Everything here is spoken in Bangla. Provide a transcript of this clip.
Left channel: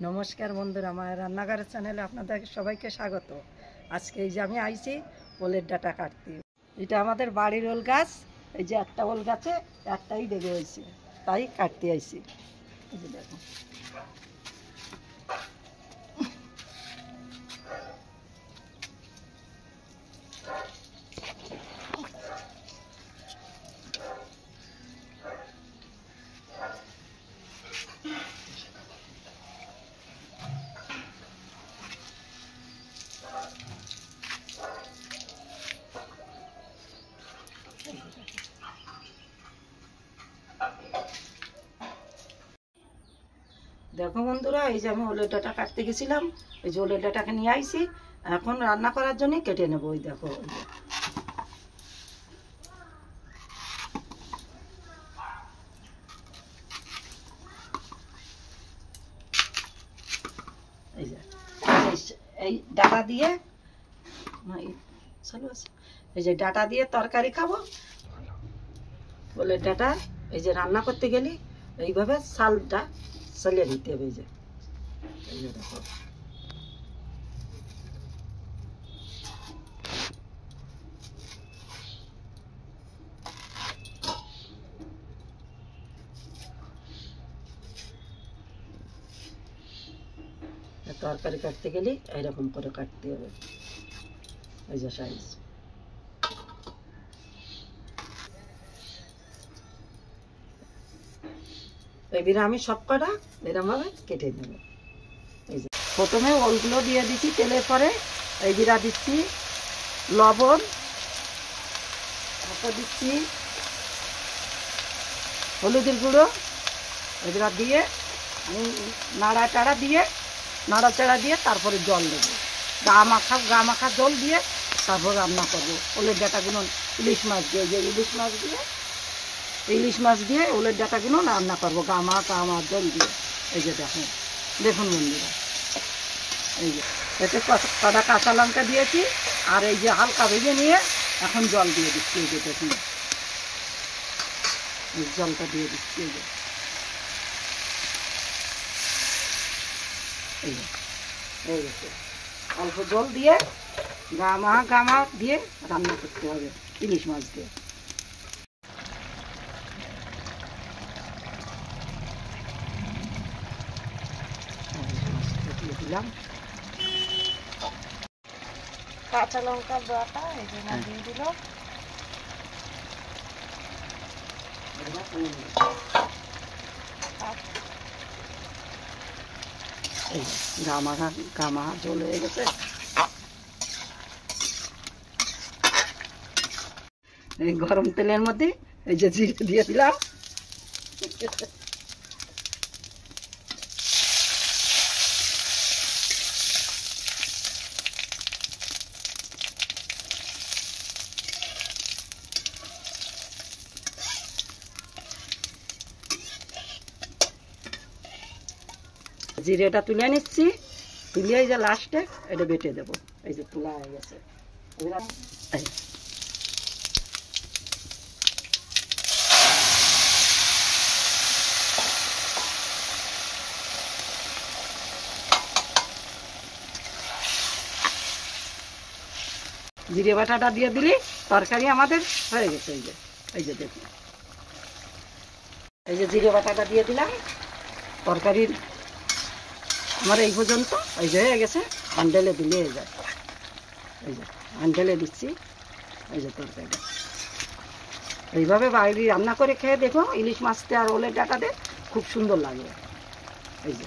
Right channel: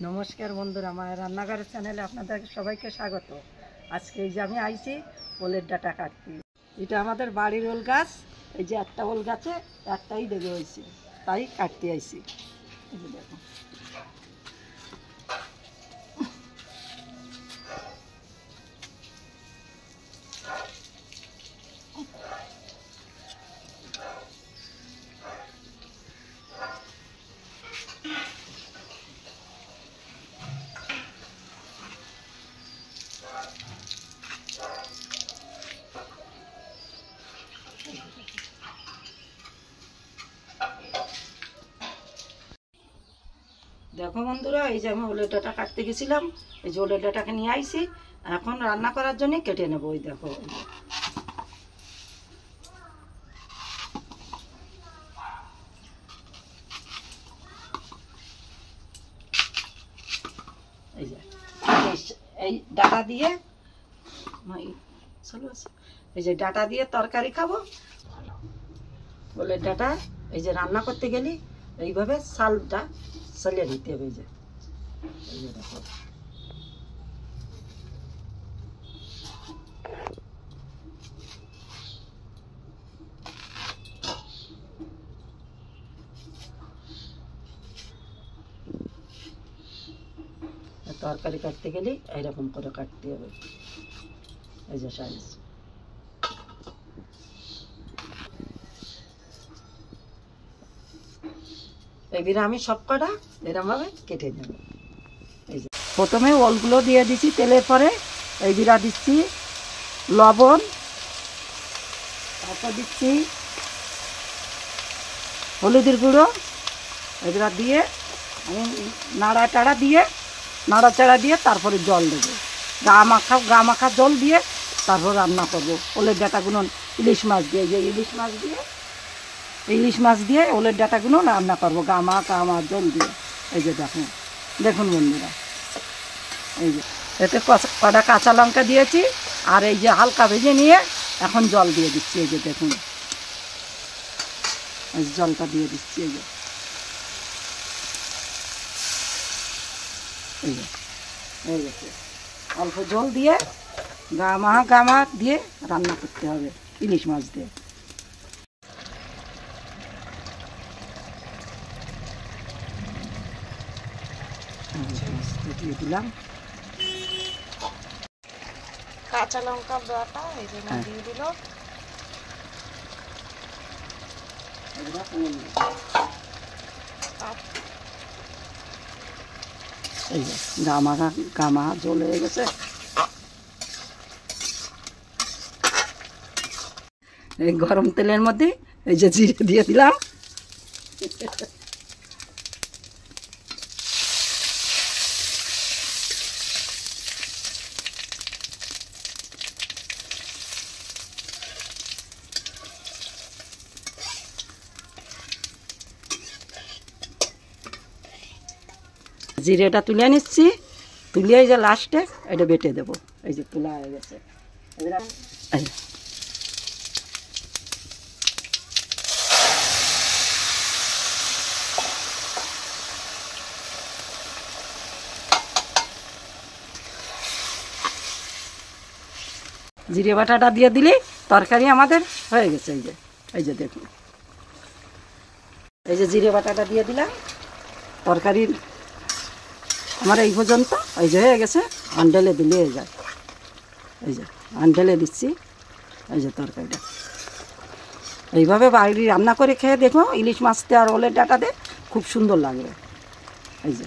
নমস্কার বন্ধুরা, আমার রান্নাঘরের চ্যানেলে আপনাদের সবাইকে স্বাগত। আজকে এই যে আমি আইছি ওলের ডাঁটা কাটতে। এটা আমাদের বাড়ির ওল গাছ। এই যে একটা ওল গাছে একটাই লেগে হয়েছে, তাই কাটতে আইছি। এই যে দেখো, দেখো বন্ধুরা, এই যে আমি ওলের ডাঁটা কাটতে গেছিলাম। এই যে ওলের ডাঁটাকে নিয়ে আইছি, এখন রান্না করার জন্য কেটে নেবো। ওই দেখো, এই যে এই ডাঁটা দিয়ে এই যে ডাঁটা দিয়ে তরকারি খাবো। ওলের ডাঁটা এই যে রান্না করতে গেলে এইভাবে ছালটা ছালিয়ে দিতে হবে। এই যে দেখো, তরকারি কাটতে গেলে এইরকম করে কাটতে হবে। এই যে সাইজ, এইবার আমি সব কটা এরকম ভাবে কেটে নেব। এই যে প্রথমে ওলগুলো দিয়ে দিচ্ছি তেলের পরে। এই জিরা দিচ্ছি, লবণ, তারপর দিচ্ছি হলুদের গুঁড়ো। এগুলা দিয়ে আমি নাড়াচাড়া দিয়ে তারপরে জল দেবো। গা মাখা জল দিয়ে তারপর রান্না করবো ওলের ডাঁটাগুলো। ইলিশ মাছ দিয়ে ওলের ডাঁটাগুলো রান্না করবো গা মাখা জল দিয়ে। এই যে দেখুন বন্ধুরা, এই যে এতে কটা কাঁচা লঙ্কা দিয়েছি, আর এই যে হালকা ভেজে নিয়ে এখন জল দিয়ে দিচ্ছি। এই যে দেখুন, জলটা দিয়ে দিচ্ছি। এই যে অল্প জল দিয়ে গা মাখা দিয়ে রান্না করতে হবে ইলিশ মাছ দিয়ে। দিয়ে দিলাম কাঁচা লঙ্কা বাটা, এই জন্য দিয়ে দিল। এই যে গা মাখা জল হয়ে গেছে। এই গরম তেলের মধ্যে এই যে জিরে দিয়ে দিলাম। জিরেটা তুলে নিচ্ছি, তুলে এই যে লাস্টে এটা বেটে দেবো। এই যে তুলা হয়ে গেছে। জিরে বাটাটা দিয়ে দিলে তরকারি আমাদের হয়ে গেছে। এই যে দেখুন, এই যে জিরে বাটাটা দিয়ে দিলাম। তরকারি আমার এই পর্যন্ত এই যে হয়ে গেছে। আন্ডেলে দিলে হয়ে যায়। এই যে আন্ডেলে দিচ্ছি। এই যে তরকারিটা এইভাবে বাড়ি রান্না করে খেয়ে দেখো, ইলিশ মাছতে আর ওলের ডাঁটাতে খুব সুন্দর লাগবে। এই যে